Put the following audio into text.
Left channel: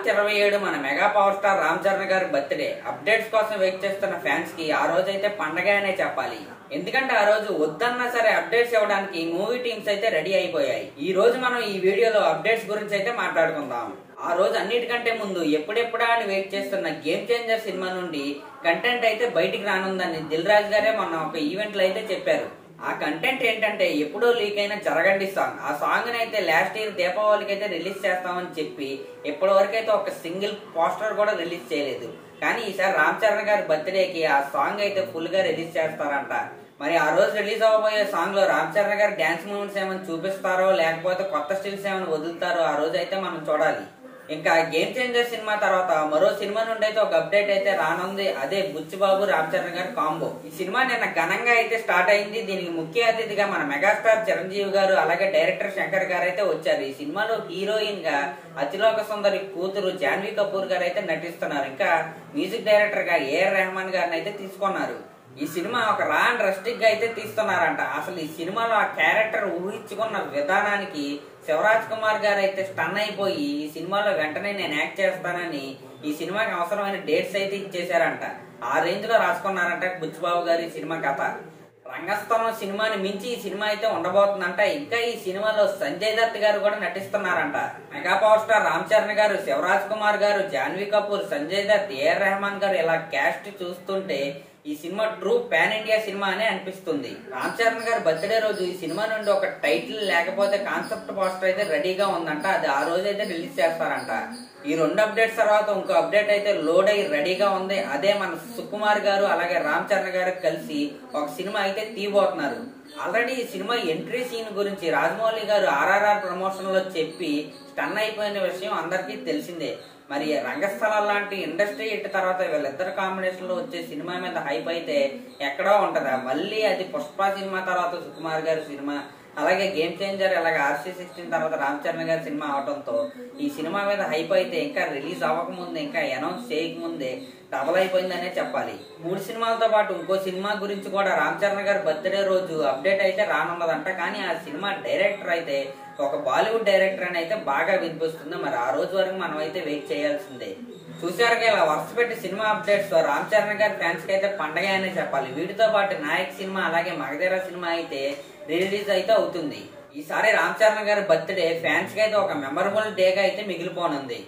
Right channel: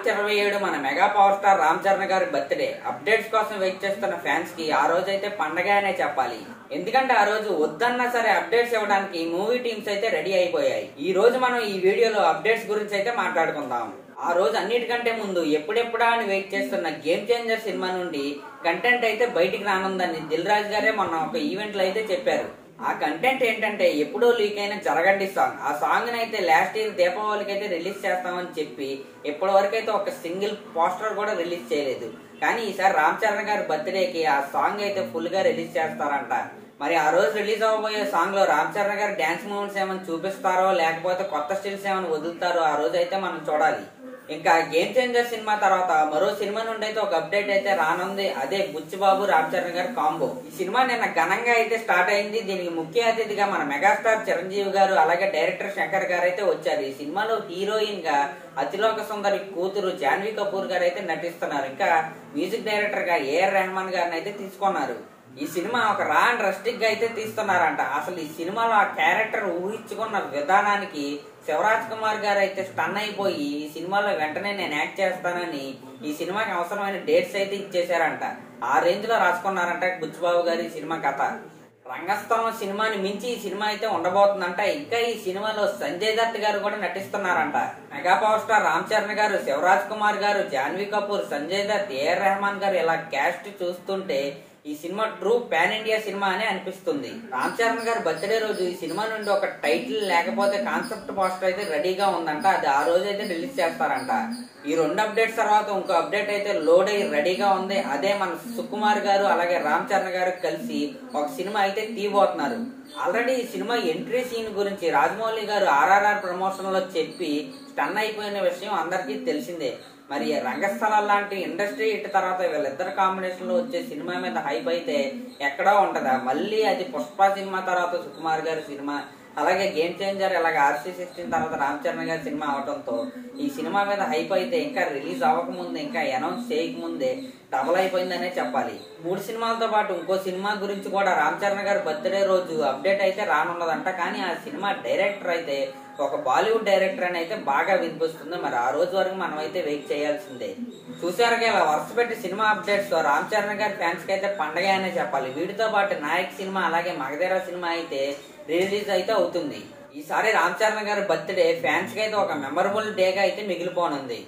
మార్చి 27 మన mega power star Ram Charan గారి birthday. Updates కోసం వెయిట్ చేస్తున్న ఫ్యాన్స్ కి ఆ రోజు అయితే పండగ అనే చెప్పాలి. ఎందుకంటే ఆ రోజు వద్దన్నా సరే అప్డేట్స్ ఇవ్వడానికి మూవీ టీమ్స్ అయితే రెడీ అయిపోయాయి. ఈ రోజు మనం ఈ వీడియోలో అప్డేట్స్ గురించి అయితే మాట్లాడుకుందాం. ఆ రోజు అన్నిటికంటే ముందు ఎప్పుడెప్పుడా అని వెయిట్ చేస్తున్న గేమ్ చేంజర్ సినిమా నుండి కంటెంట్ అయితే బయటికి రానుందని దిల్ రాజు గారే మొన్న ఒక ఈవెంట్ లో అయితే చెప్పారు. ఆ కంటెంట్ ఏంటంటే ఎప్పుడో లీక్ అయిన జరగండి సాంగ్. ఆ సాంగ్ అయితే లాస్ట్ ఇయర్ దీపావళికి అయితే రిలీజ్ చేస్తామని చెప్పి ఇప్పటి వరకు అయితే ఒక సింగిల్ పోస్టర్ కూడా రిలీజ్ చేయలేదు. కానీ ఈసారి రామ్ చరణ్ గారి బర్త్డేకి ఆ సాంగ్ అయితే ఫుల్ గా రిలీజ్ చేస్తారంట. మరి ఆ రోజు రిలీజ్ అవ్వబోయే సాంగ్ లో రామ్ చరణ్ గారి డాన్స్ మూమెంట్స్ ఏమైనా చూపిస్తారో లేకపోతే కొత్త స్టిల్స్ ఏమైనా వదులుతారో ఆ రోజు అయితే మనం చూడాలి. ఇంకా గేమ్ చేంజర్ సినిమా తర్వాత మరో సినిమా నుండి అయితే ఒక అప్డేట్ అయితే రానుంది. అదే బుచ్చిబాబు రామ్ చరణ్ గారి కాంబో. ఈ సినిమా నిన్న ఘనంగా అయితే స్టార్ట్ అయింది. దీనికి ముఖ్య అతిథిగా మన మెగాస్టార్ చిరంజీవి గారు అలాగే డైరెక్టర్ శంకర్ గారు అయితే వచ్చారు. ఈ సినిమాలో హీరోయిన్ గా అతిలోక సుందరి కూతురు జాన్వీ కపూర్ గారు అయితే నటిస్తున్నారు. ఇంకా మ్యూజిక్ డైరెక్టర్ గా ఏఆర్ రెహమాన్ గారిని అయితే తీసుకున్నారు. ఈ సినిమా ఒక రా అండ్ రస్టిక్ గా అయితే తీస్తున్నారంట. అసలు ఈ సినిమాలో ఆ క్యారెక్టర్ ఊహించుకున్న విధానానికి శివరాజ్ కుమార్ గారు అయితే స్టన్ అయిపోయి ఈ సినిమాలో వెంటనే నేను యాక్ట్ చేస్తానని ఈ సినిమాకి అవసరమైన డేట్స్ అయితే ఇచ్చేసారంట. ఆ రేంజ్ లో రాసుకున్నారంట బుచ్చిబాబు గారు ఈ సినిమా కథ. రంగస్థలం సినిమాని మించి ఈ సినిమా అయితే ఉండబోతుందంట. ఇంకా ఈ సినిమాలో సంజయ్ దత్ గారు కూడా నటిస్తున్నారంట. Mega power star Ram Charan garu, Shivaraj Kumar garu, Janhvi Kapoor, Sanjay Dutt, A R Rahman garu ఇలా క్యాస్ట్ చూస్తుంటే ఈ సినిమా ట్రూ పాన్ ఇండియా సినిమా అని అనిపిస్తుంది. రామ్ చరణ్ గారి బర్త్డే రోజు ఈ సినిమా నుండి ఒక టైటిల్ లేకపోతే కాన్సెప్ట్ పోస్టర్ అయితే రెడీగా ఉందంట. అది ఆ రోజు అయితే రిలీజ్ చేస్తారంట. ఈ రెండు అప్డేట్స్ తర్వాత ఇంకో అప్డేట్ అయితే లోడ్ అయ్యి రెడీగా ఉంది. అదే మన సుకుమార్ గారు అలాగే రామ్ చరణ్ గారు కలిసి ఒక సినిమా అయితే తీయబోతున్నారు. ఆల్రెడీ ఈ సినిమా ఎంట్రీ సీన్ గురించి రాజమౌళి గారు ఆర్ఆర్ఆర్ ప్రమోషన్ లో చెప్పి స్టన్ అయిపోయిన విషయం అందరికీ తెలిసిందే. మరి రంగస్థలాలు లాంటి ఇండస్ట్రీ హిట్ తర్వాత వీళ్ళిద్దరు కాంబినేషన్ లో వచ్చే సినిమా మీద హైప్ అయితే ఎక్కడో ఉంటదా. మళ్ళీ అది పుష్ప సినిమా తర్వాత సుకుమార్ గారి సినిమా అలాగే గేమ్ చేంజర్ అలాగే RC16 తర్వాత రామ్ చరణ్ గారి సినిమా అవడంతో ఈ సినిమా మీద హైప్ అయితే ఇంకా రిలీజ్ అవ్వకముందే ఇంకా అనౌన్స్ చేయకముందే డబల్ అయిపోయిందనే చెప్పాలి. 3 సినిమాలతో పాటు ఇంకో సినిమా గురించి కూడా రామ్ చరణ్ గారి బర్త్డే రోజు అప్డేట్ అయితే రానున్నదంట. కానీ ఆ సినిమా డైరెక్టర్ అయితే ఒక బాలీవుడ్ డైరెక్టర్ అని అయితే బాగా వినిపిస్తుంది. మరి ఆ రోజు వరకు మనం అయితే వెయిట్ చేయాల్సిందే. చూసారుగా ఇలా వరుస పెట్టి సినిమా అప్డేట్స్ తో రామ్ చరణ్ గారి ఫ్యాన్స్ కి అయితే పండగ అనే చెప్పాలి. వీటితో పాటు నాయక్ సినిమా అలాగే మగధీర సినిమా అయితే రిలీజ్ అయితే అవుతుంది. ఈసారి రామ్ చరణ్ గారి బర్త్డే ఫ్యాన్స్ కి అయితే ఒక మెమరబుల్ డేగా అయితే మిగిలిపోనుంది.